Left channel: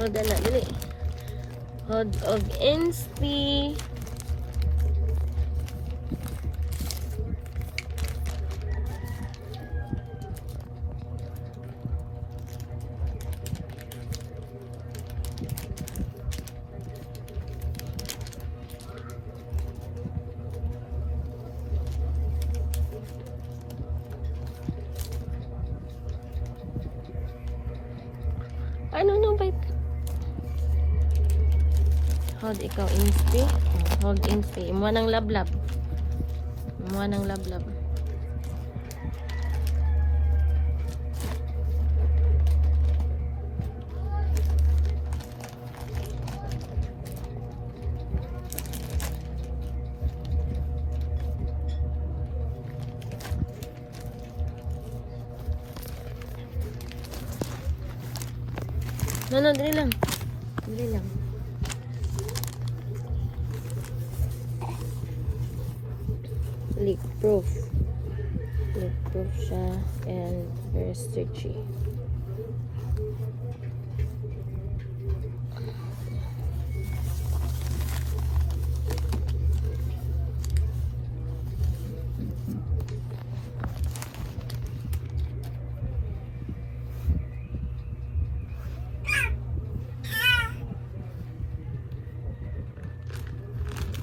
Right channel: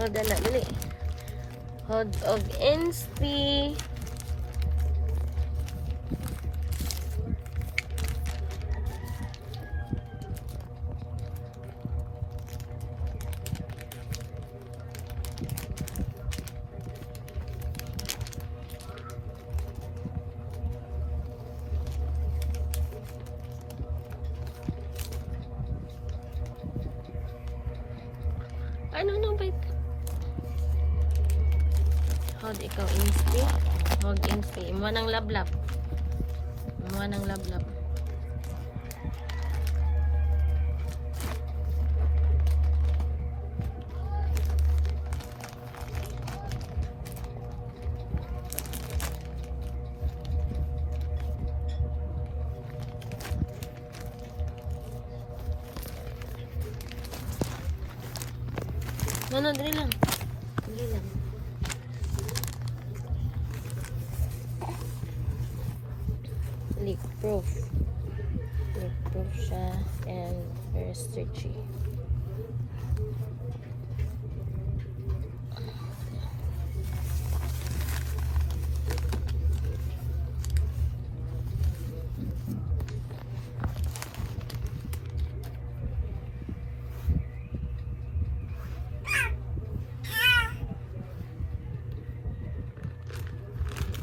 Hold on na, dali. Hold og insti. Ano nung bite? Hold ikaw insti. Hold insti. Imuha ng lablab. Imuha ng lablab. No, dali lang. Dali lang. Leak proof. Leak proof siya and very stretchy.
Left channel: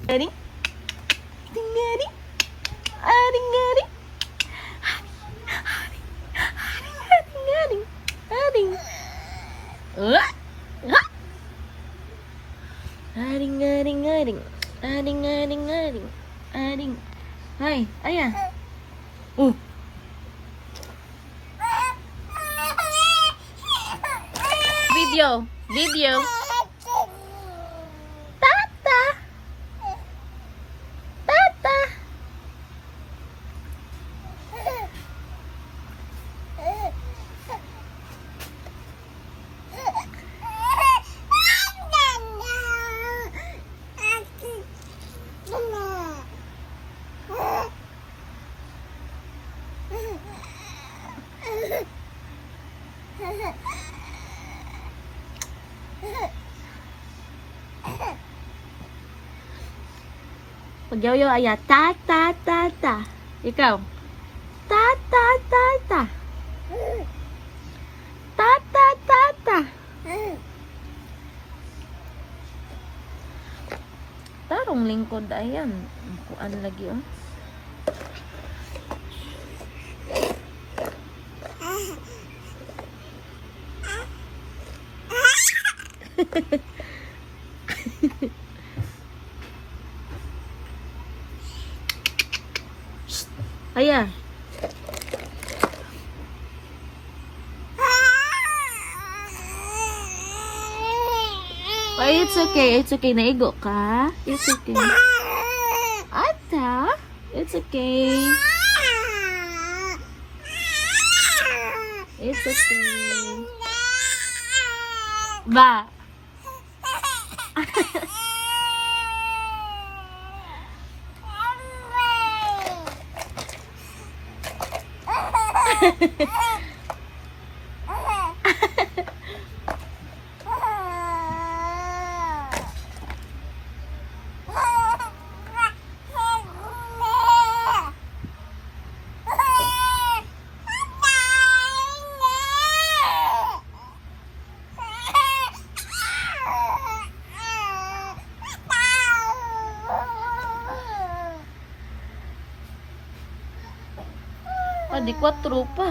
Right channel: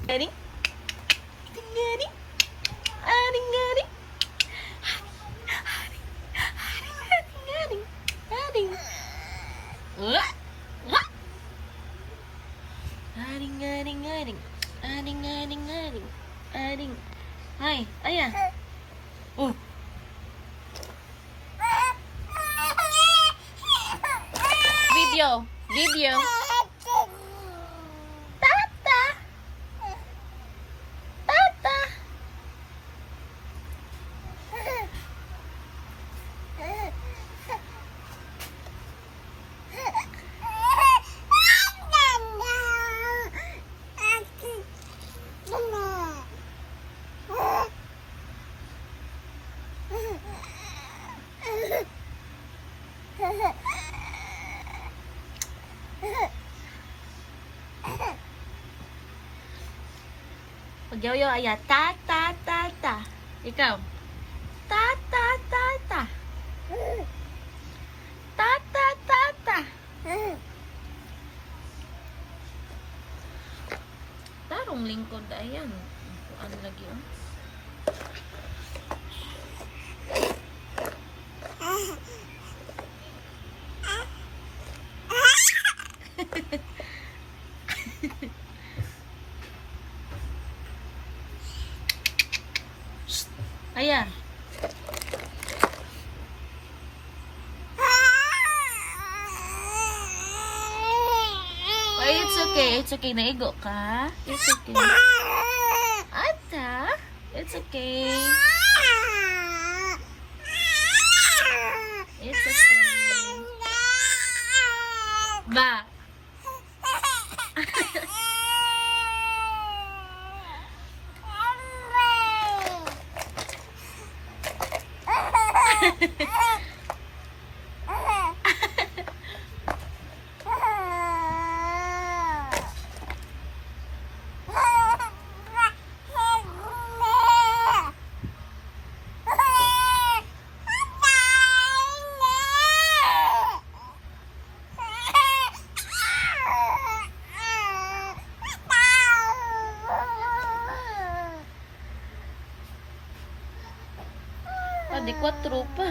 Ready? Ready? Ready? Aring. Hai, ayah. Video. Tata. Pag-yoyo ayah, ta. Ikaw. Ta. Tarong lingkod ayan. Ano lagi yun? Ayah. Oh, it's okay. Naigo ka? It's okay. Ata, it's okay. It's okay. Ba. Di 4 pa.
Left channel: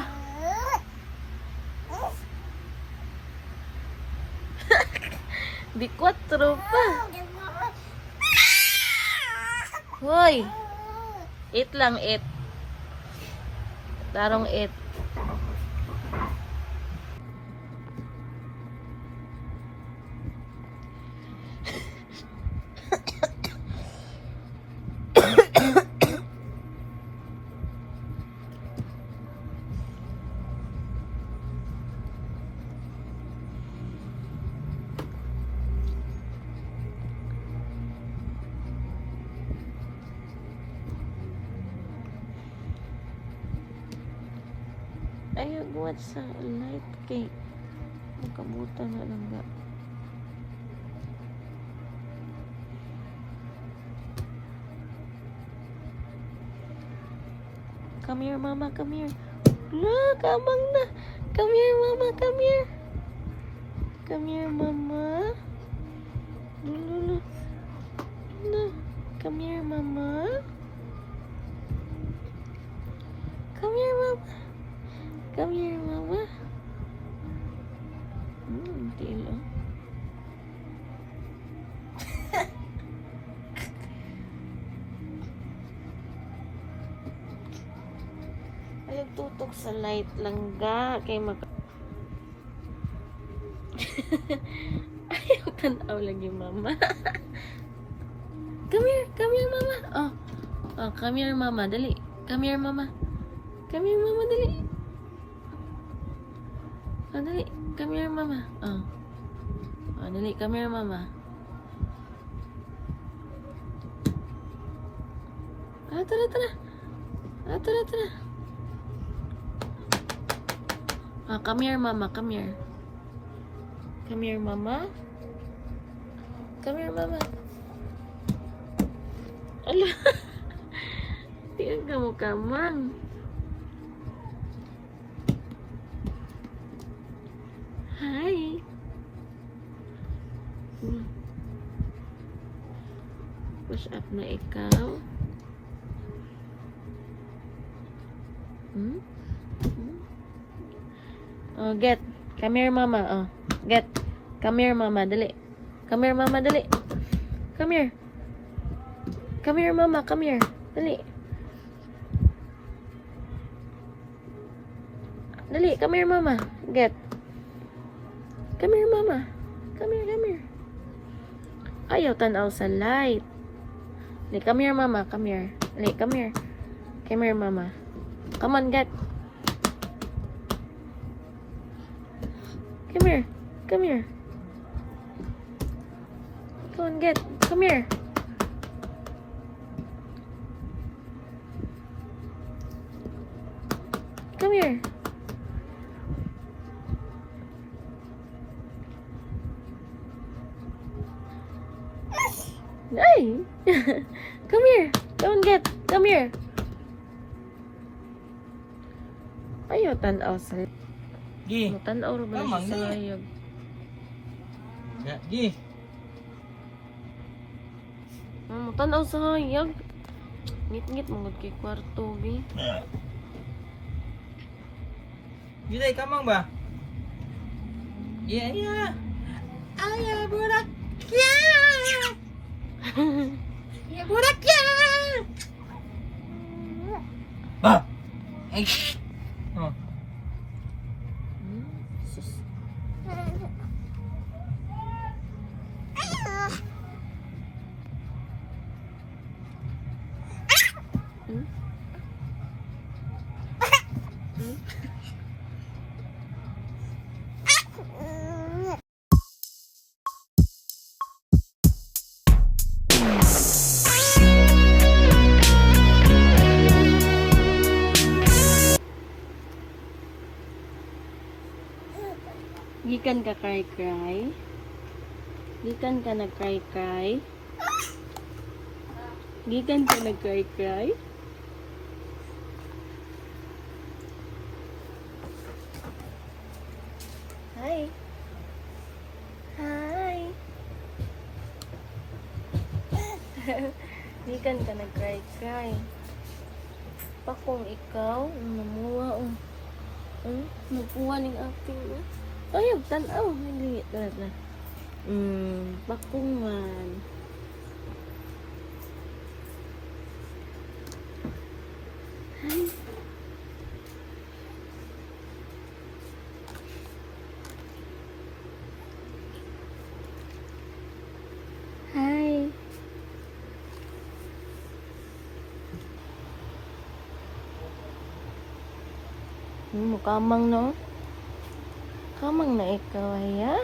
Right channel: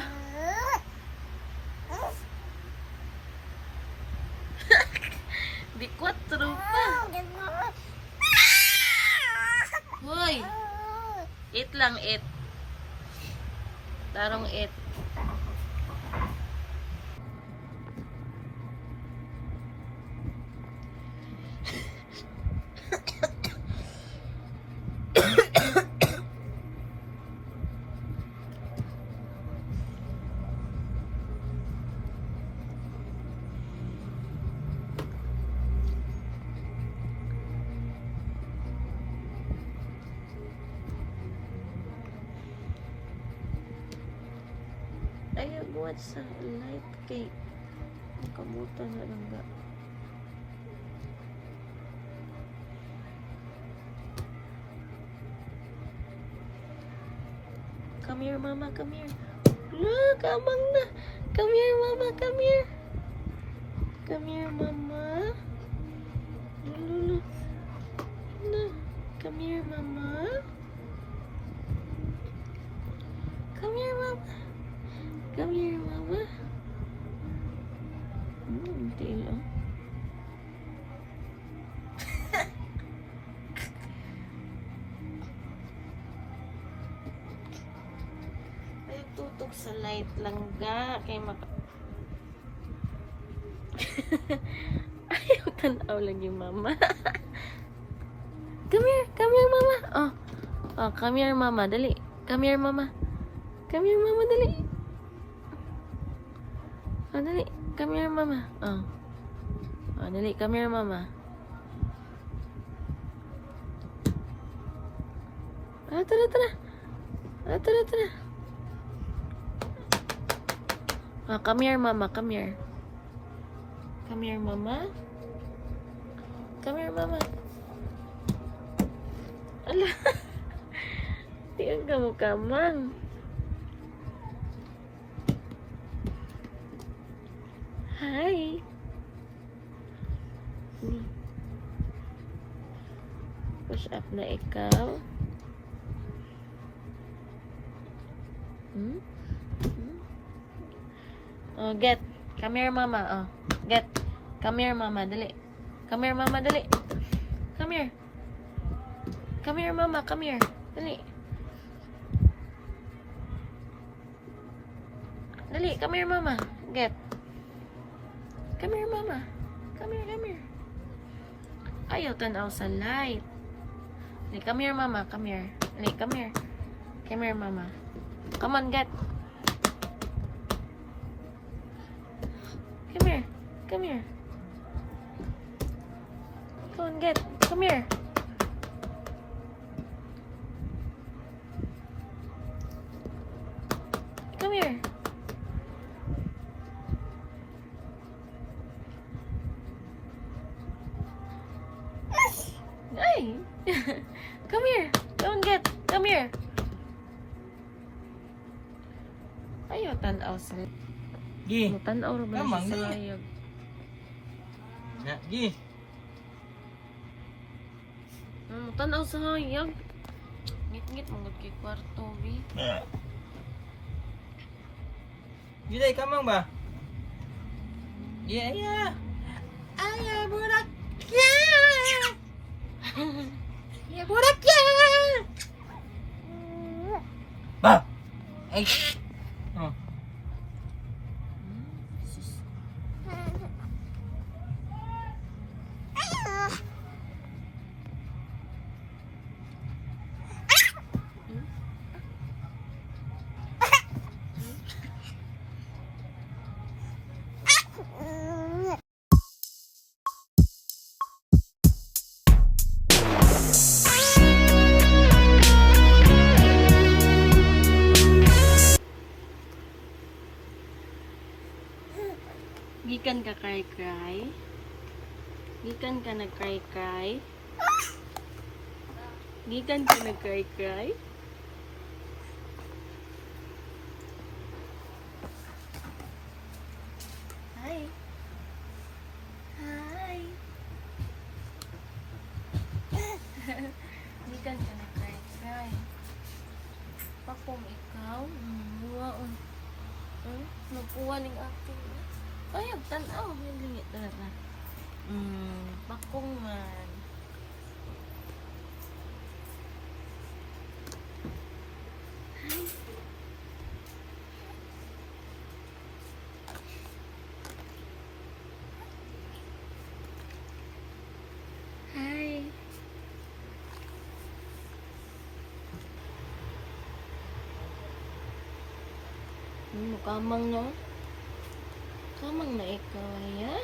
Di 4 pa. Hoy. 8 lang, 8. Tarong 8. Ayaw guwat sa light cake. Makabutan na lang ga. Come here, mama. Come here. Look, abang na. Come here, mama. Come here. Come here, mama. Look. Look. Come here, mama. Come here, mama. Come here, mama. Tilo. Ay, tutok sa light lang ga. Kay mag... Ayaw tanaw lang yung mama. Come here, mama. Oh, come here, mama. Dali. Come here, mama. Come here, mama. Dali. Oh, dali. Come here, mama. Oh, dali. Come here, mama. Tara. Tara. Oh, come here, mama. Come here. Come here, mama. Come here, mama. Ala. Tingnan ka mo, kamang. Hi. Push up na ikaw. Oh, get. Come here, mama. Oh, get. Come here, mama. Dali. Come here, mama. Dali. Come here. Come here, mama. Come here. Dali. Dali. Come here, mama. Get. Come here, mama. Come here. Ayaw tanaw sa light. Dali, come here, mama. Come here. Dali, come here. Come here, mama. Come on, get. Come here. Come here. Come on, get. Come here. Come here. Ay! Come here. Come on, get. Come here. Ayaw tanaw sa... Gi. Tanaw rin ba Tamang siya sa na. hayag? Gi. Tanaw sa hayag. Ngit-ngit mga kay kwarto, bi. Gilay kamang ba? Iya. Aya budak. Ya budak ya. Ba. Ay. Oh. Gikan ka cry. Gikan ka na cry. Gikan ka na cry. Hi. Gikan ka na cry. Pakong ikaw, namuwa mukuha ning acting. Ay, tanaw. Nagingit na. Bakong man. Hi. Hi. Kamang no? Kamang na ikaw, ya?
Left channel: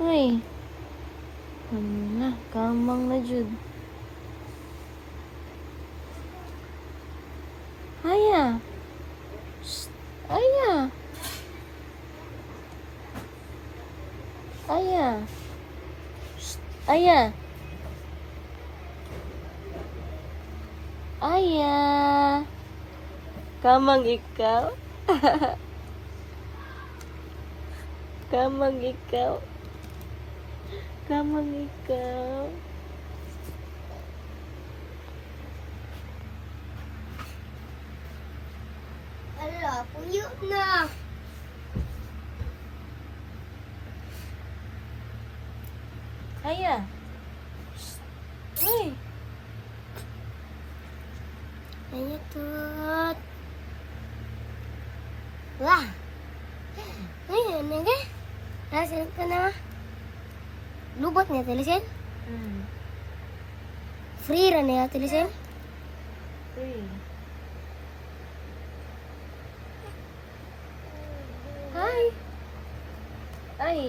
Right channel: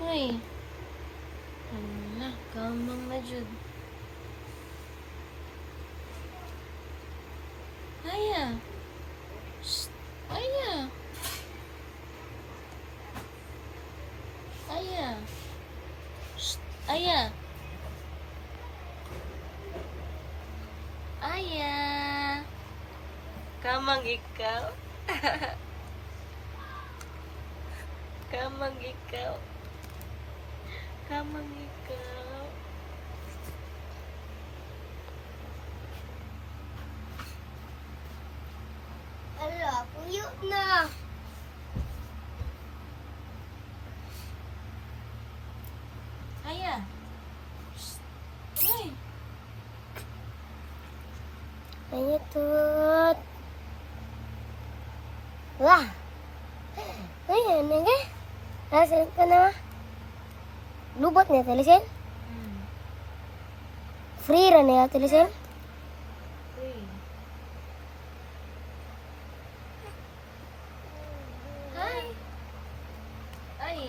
Uy. Kamang na jud. Aya. Shh. Aya. Shh. Aya. Kamang ikaw. Kamang ikaw. Kamang ikaw. Ala, puyo na. Aya. Uy. Ayo tut. Wah. Ayan na nga. Nasaan ka na? Lubot niya, talisin? Hmm. Free ra niya, talisin? Uy. Hi. Ay.